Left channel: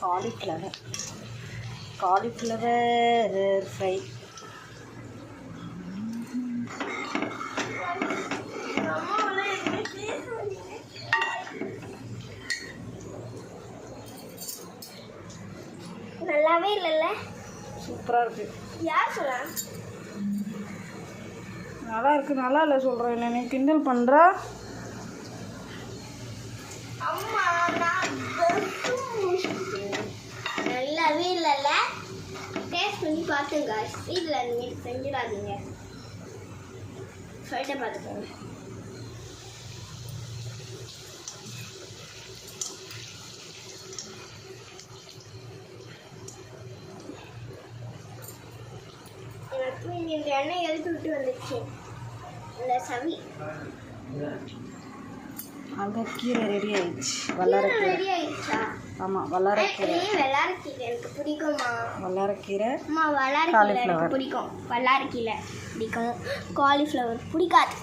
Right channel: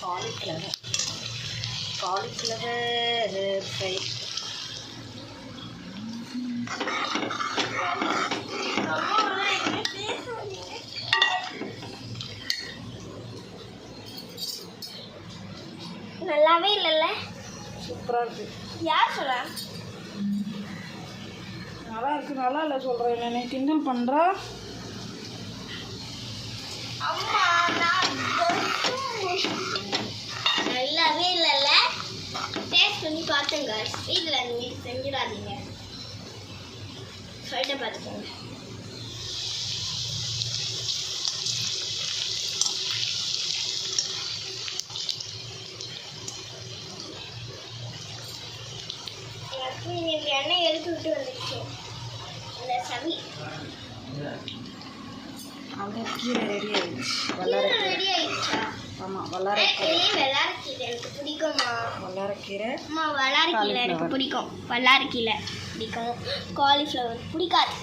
Cauliflower. Cauliflower fry. நல்லாவே இல்லைல்ல. சூப்பராக இருக்குது யார் சொல்ல நல்லா இருக்குது நல்லா இல்லை சொல்கிறேன் நீ கிண்டல் பண்ணுற நல்லாவே இல்லைல்ல. டேஸ்ட் பண்ணி பார்த்துங்க வீட்டில் நீங்கள் செஞ்சிடாதீங்க. சொல்லிட்டு பார்த்துக்கோங்க. எனக்கு எண்ணெய் எடுத்து விட்டு வந்துச்சு அந்த கீரை ரெடி ஆயிடுச்சு. வல்லாரக்கீரை ரெடி ஆயிடுச்சா? ஆமாம் வல்லாரக்கீரை இதே வெள்ளாரக்கீரை எனக்கு பிடிக்குமா வல்லாரக்கீரை அம்மா வல்லாரக்கீரை எனக்கு. பிடிக்கும். வல்லாரக்கீரை பிடிக்கும். காலிஃப்ளவர் பிடிக்காது.